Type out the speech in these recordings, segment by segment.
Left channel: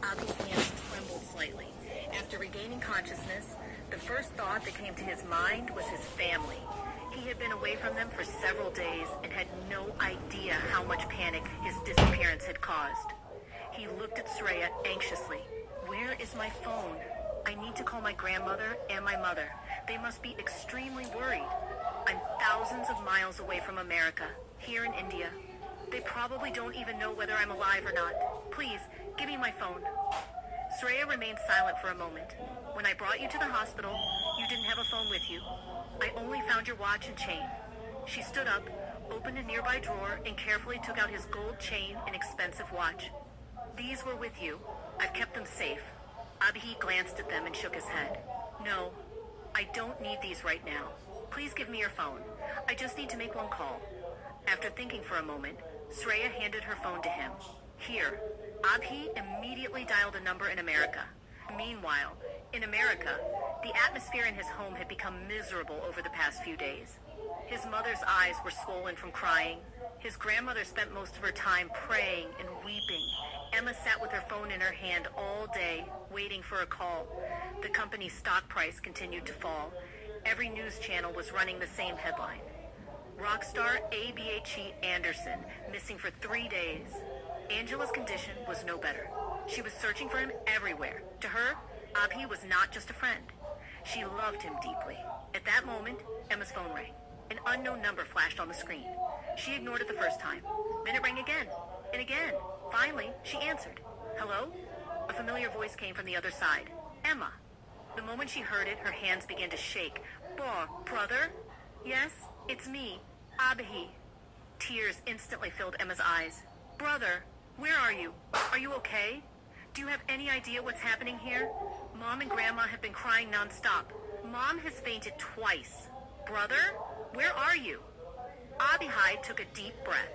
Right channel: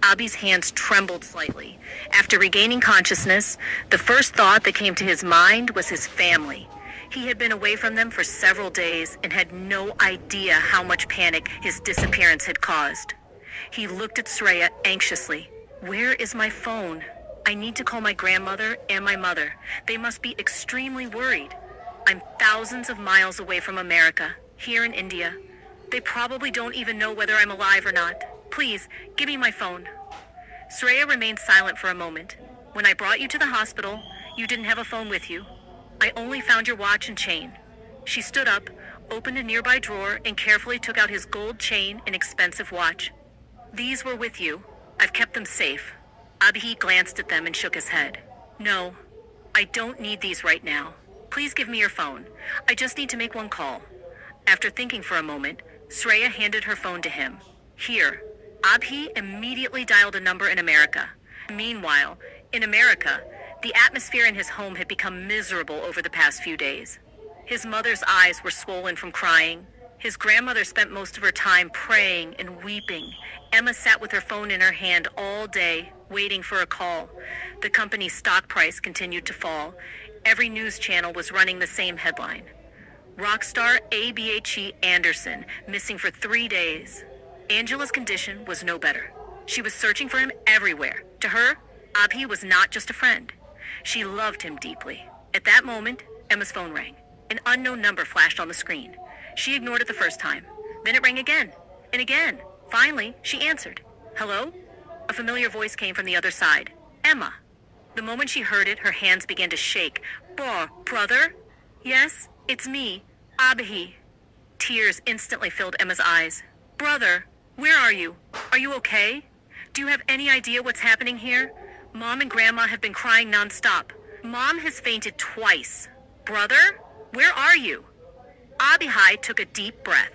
Abhi's hands trembled slightly. After regaining consciousness, the first thought that came to his mind was his family. He had been away from them for several days and had no idea how much panic his disappearance had caused. He looked at Shreya anxiously. Where is my phone? I need to call my grandmother and my mother. They must be extremely worried. I'm thousands of miles away from America, here in India. They probably don't even know whether I'm alive or not. Please, give me my phone. Shreya remained silent for a moment. When I brought you to the hospital, you didn't have a phone with you. I only found your watch and chain. She stood up, opened a nearby drawer, and carefully took out his gold chain and expensive watch. These were with you. I've kept them safe. Abhi glanced at them and shook his head. No, I don't need these right now. Please give me your phone. I just need to make one call. After thinking for a moment, Shreya handed her phone to him. Here. Abhi immediately dialed a number in America. Meanwhile, in America, the atmosphere in his home had become miserable over the past few days. His mother's eyes were swollen from crying. His grandmother spent most of her time praying and weeping. Emma sat with her phone in her hand all day, waiting for a call. The company's stock price continued to fall. Every news channel was running the same headline. Rockstar Abhi Anderson, missing for 3 days. Angela's condition was no better. She was searching for him everywhere. To her, Abhi was not just a friend. She loved him deeply. At that moment, Emma's phone rang. An unknown number flashed on the screen. She ignored it the first time. Then it rang again, and again. Finally, she answered. Hello? A familiar voice came from the other side. Emma. The moment she heard it, her hands began to shake. Brother? Yes, it's me, Abhi. Tears instantly filled Emma's eyes. Brother, where are you? Are you okay? Do you have any idea what's happening here? Mom and Grandma have been crying nonstop. Mom has fainted twice. Brother, where are you? Abhi took a deep breath.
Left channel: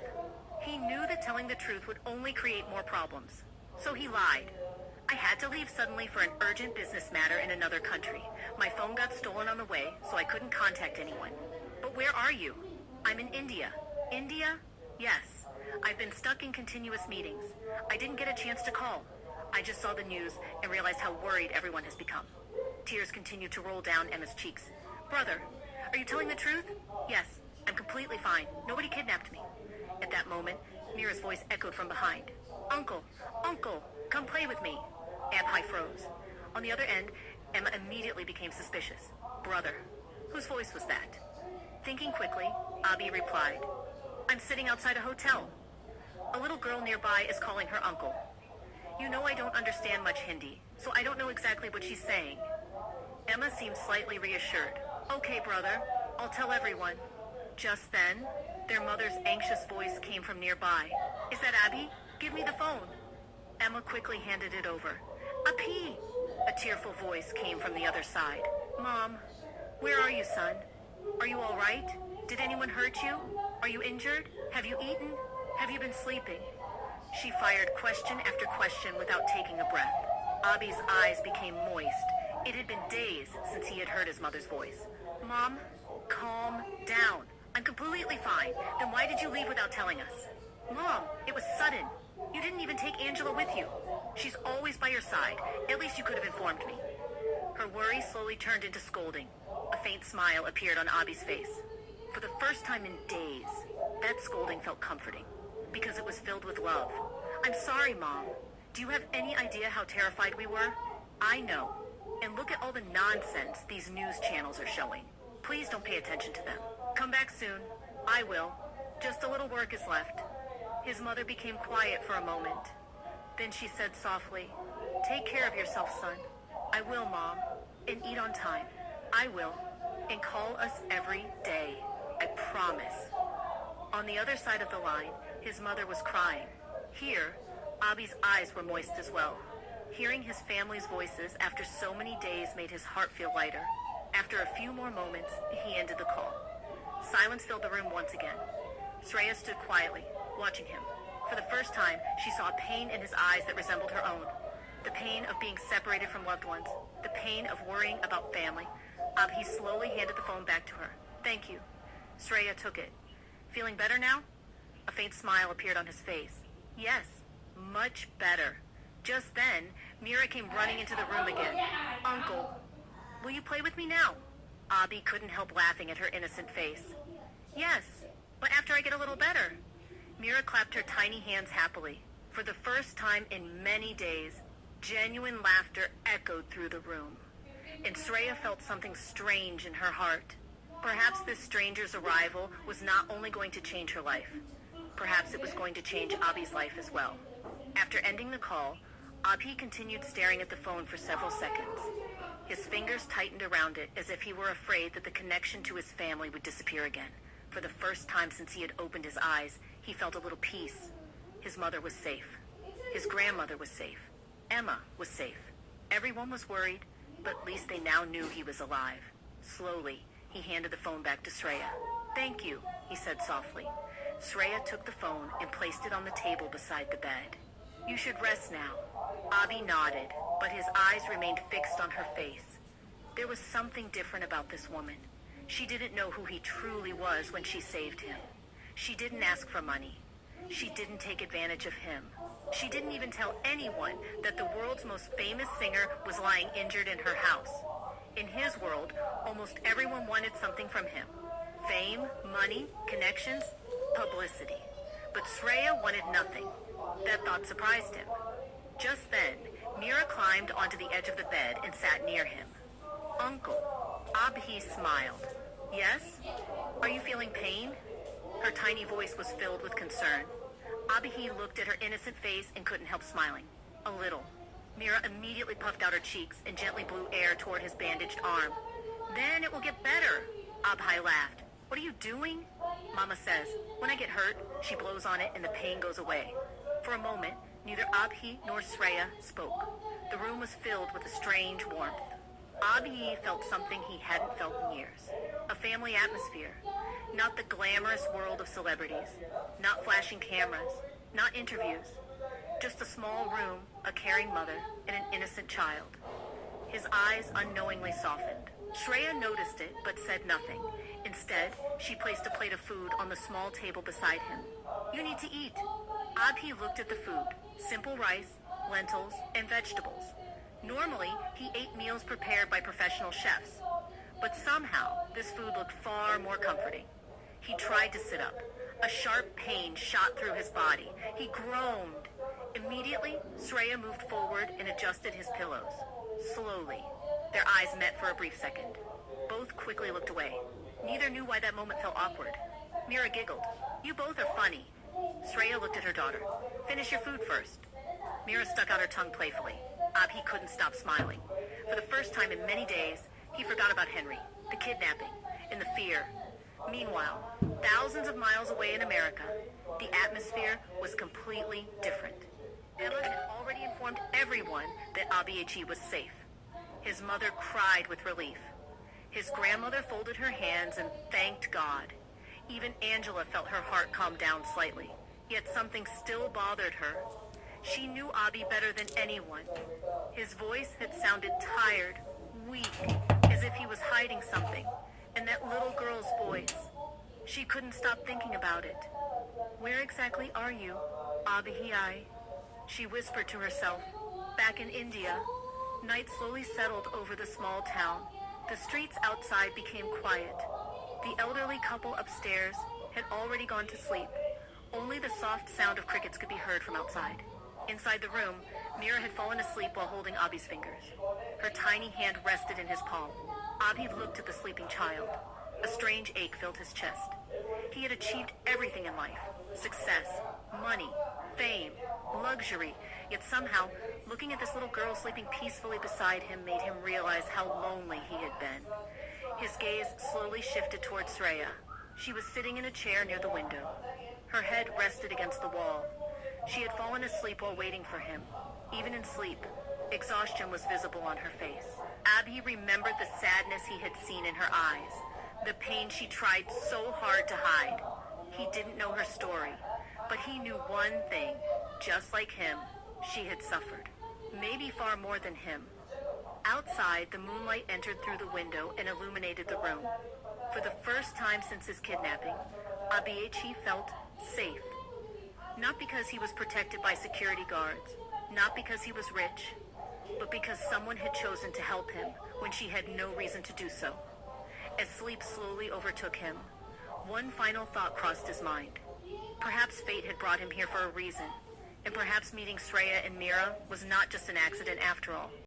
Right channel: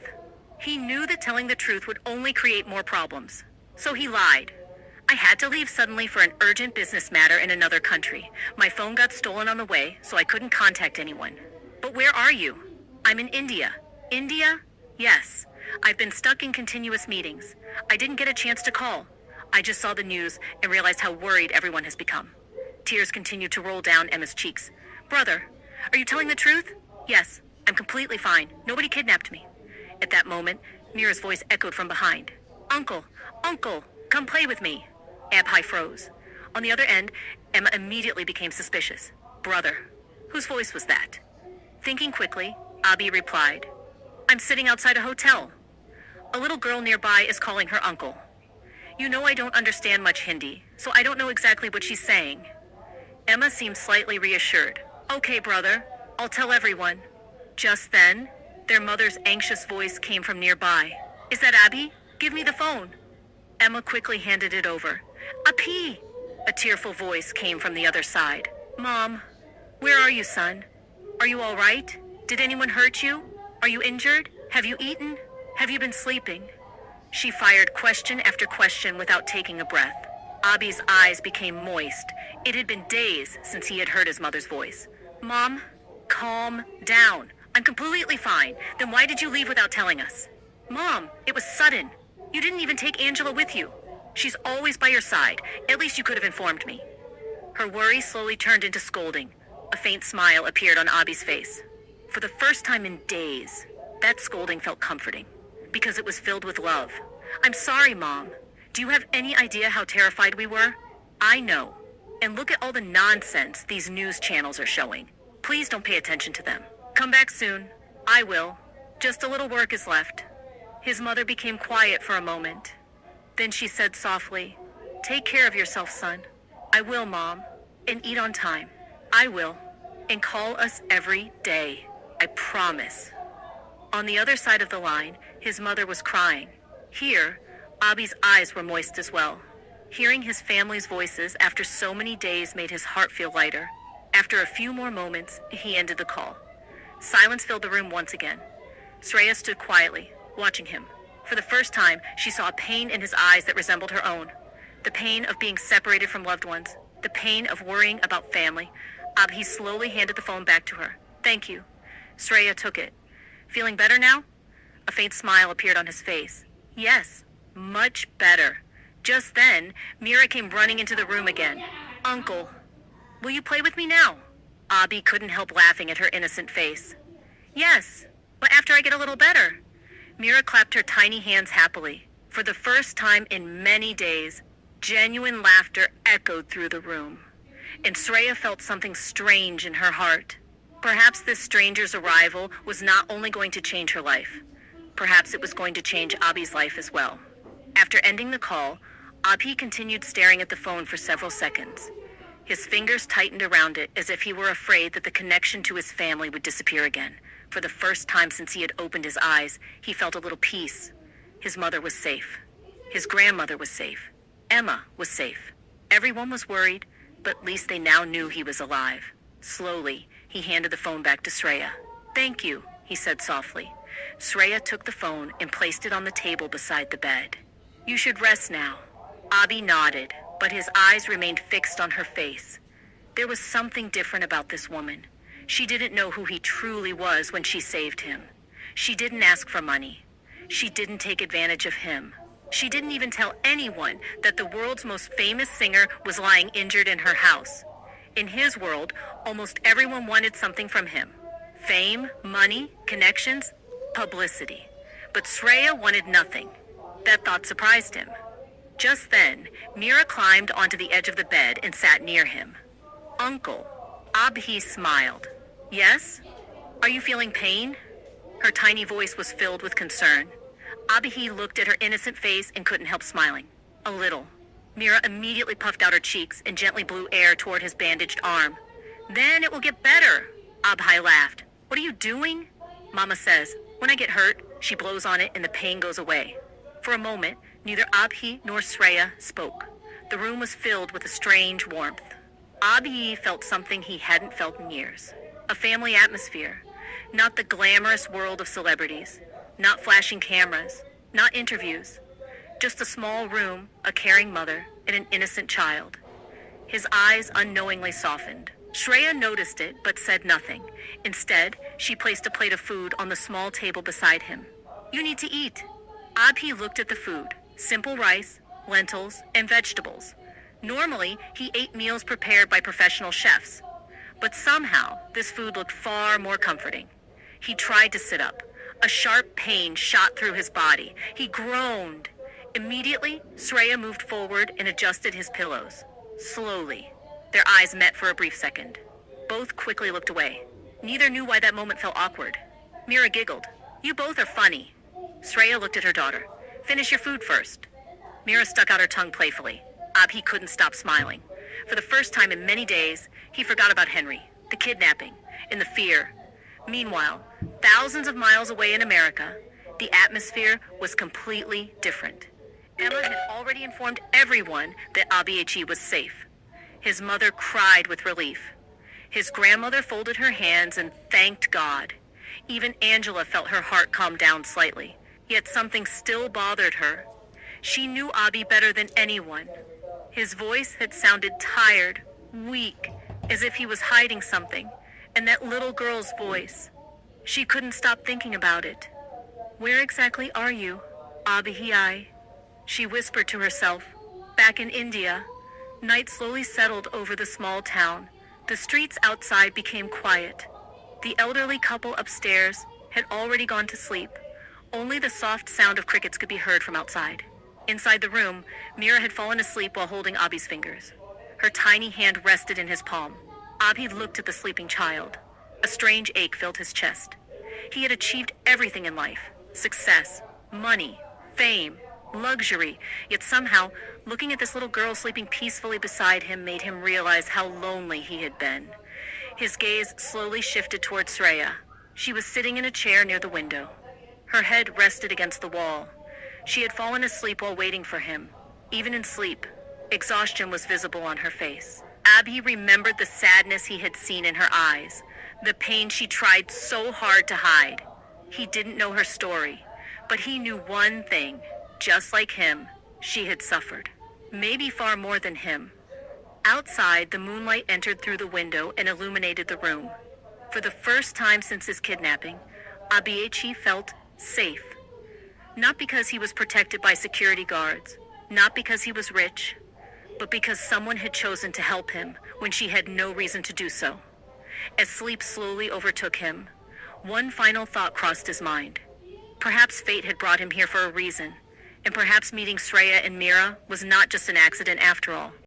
He knew that telling the truth would only create more problems. So he lied. I had to leave suddenly for an urgent business matter in another country. My phone got stolen on the way, so I couldn't contact anyone. But where are you? I'm in India. India? Yes. I've been stuck in continuous meetings. I didn't get a chance to call. I just saw the news and realized how worried everyone has become. Tears continued to roll down Emma's cheeks. Brother, are you telling the truth? Yes, I'm completely fine. Nobody kidnapped me. At that moment, Mira's voice echoed from behind. Uncle, come play with me. Abhi froze. On the other end, Emma immediately became suspicious. Brother. Whose voice was that? Thinking quickly, Abhi replied, I'm sitting outside a hotel. A little girl nearby is calling her uncle. You know I don't understand much Hindi, so I don't know exactly what she's saying. Emma seemed slightly reassured. Okay, brother, I'll tell everyone. Just then, their mother's anxious voice came from nearby. Is that Abhi? Give me the phone. Emma quickly handed it over. Abhi! A tearful voice came from the other side. Mom, where are you, son? Are you all right? Did anyone hurt you? Are you injured? Have you eaten? Have you been sleeping? She fired question after question without taking a breath. Abhi's eyes became moist. It had been days since he had heard his mother's voice. Mom, calm down. I'm completely fine. Then why did you leave without telling us? Mom, it was sudden. You didn't even take Angela with you. She's always by your side. At least you could have informed me. Her worry slowly turned into scolding. A faint smile appeared on Abhi's face. For the first time in days, that scolding felt comforting, because it was filled with love. I'm sorry, Mom. Do you have any idea how terrified we were? I know. And look at all the nonsense these news channels are showing. Please don't pay attention to them. Come back soon. I will. Just a little work is left. His mother became quiet for a moment. Then she said softly, Take care of yourself, son. I will, Mom. And eat on time. I will. And call us every day. I promise. On the other side of the line, his mother was crying. Here, Abhi's eyes were moist as well. Hearing his family's voices after so many days made his heart feel lighter. After a few more moments, he ended the call. Silence filled the room once again. Shreya stood quietly, watching him. For the first time, she saw a pain in his eyes that resembled her own. The pain of being separated from loved ones. The pain of worrying about family. Abhi slowly handed the phone back to her. Thank you. Shreya took it. Feeling better now? A faint smile appeared on his face. Yes, much better. Just then, Mira came running into the room again. "Uncle, will you play with me now?" Abhi couldn't help laughing at her innocent face. "Yes, but after I get a little better." Mira clapped her tiny hands happily. For the first time in many days, genuine laughter echoed through the room. And Shreya felt something strange in her heart. Perhaps this stranger's arrival was not only going to change her life, perhaps it was going to change Abhi's life as well. After ending the call, Abhi continued staring at the phone for several seconds. His fingers tightened around it as if he were afraid that the connection to his family would disappear again. For the first time since he had opened his eyes, he felt a little peace. His mother was safe. His grandmother was safe. Emma was safe. Everyone was worried, but at least they now knew he was alive. Slowly, he handed the phone back to Shreya. "Thank you," he said softly. Shreya took the phone and placed it on the table beside the bed. "You should rest now." Abhi nodded, but his eyes remained fixed on her face. There was something different about this woman. She didn't know who he truly was when she saved him. She didn't ask for money. She didn't take advantage of him. She didn't even tell anyone that the world's most famous singer was lying injured in her house. In his world, almost everyone wanted something from him. Fame, money, connections, publicity. But Shreya wanted nothing. That thought surprised him. Just then, Mira climbed onto the edge of the bed and sat near him. "Uncle," Abhi smiled. "Yes? Are you feeling pain?" Her tiny voice was filled with concern. Abhi looked at her innocent face and couldn't help smiling. "A little." Mira immediately puffed out her cheeks and gently blew air toward his bandaged arm. "Then it will get better," Abhi laughed. "What are you doing?" "Mama says, when I get hurt, she blows on it and the pain goes away." For a moment, neither Abhi nor Shreya spoke. The room was filled with a strange warmth. Abhi felt something he hadn't felt in years. A family atmosphere. Not the glamorous world of celebrities. Not flashing cameras. Not interviews. Just a small room, a caring mother, and an innocent child. His eyes unknowingly softened. Shreya noticed it, but said nothing. Instead, she placed a plate of food on the small table beside him. "You need to eat." Abhi looked at the food. Simple rice, lentils, and vegetables. Normally, he ate meals prepared by professional chefs. But somehow, this food looked far more comforting. He tried to sit up. A sharp pain shot through his body. He groaned. Immediately, Shreya moved forward and adjusted his pillows. Slowly. Their eyes met for a brief second. Both quickly looked away. Neither knew why that moment felt awkward. Mira giggled. "You both are funny." Shreya looked at her daughter. "Finish your food first." Mira stuck out her tongue playfully. Abhi couldn't stop smiling. For the first time in many days, he forgot about Henry, the kidnapping, and the fear. Meanwhile, thousands of miles away in America, the atmosphere was completely different. Emma had already informed everyone that Abhi was safe. His mother cried with relief. His grandmother folded her hands and thanked God. Even Angela felt her heart calm down slightly, yet something still bothered her. She knew Abhi better than anyone. His voice had sounded tired, weak, as if he was hiding something, and that little girl's voice. She couldn't stop thinking about it. "Where exactly are you, Abhi?" She whispered to herself. Back in India. Night slowly settled over the small town. The streets outside became quiet. The elderly couple upstairs had already gone to sleep. Only the soft sound of crickets could be heard from outside. Inside the room, Mira had fallen asleep while holding Abhi's fingers. Her tiny hand rested in his palm. Abhi looked at the sleeping child. A strange ache filled his chest. He had achieved everything in life. Success, money, fame, luxury. Yet somehow, looking at this little girl sleeping peacefully beside him made him realize how lonely he had been. His gaze slowly shifted towards Shreya. She was sitting in a chair near the window. Her head rested against the wall. She had fallen asleep while waiting for him. Even in sleep, exhaustion was visible on her face. Abhi remembered the sadness he had seen in her eyes, the pain she tried so hard to hide. He didn't know her story, but he knew one thing. Just like him, she had suffered. Maybe far more than him. Outside, the moonlight entered through the window and illuminated the room. For the first time since his kidnapping, Abhi felt safe. Not because he was protected by security guards. Not because he was rich, but because someone had chosen to help him when she had no reason to do so. As sleep slowly overtook him, one final thought crossed his mind. Perhaps fate had brought him here for a reason, and perhaps meeting Shreya and Mira was not just an accident after all.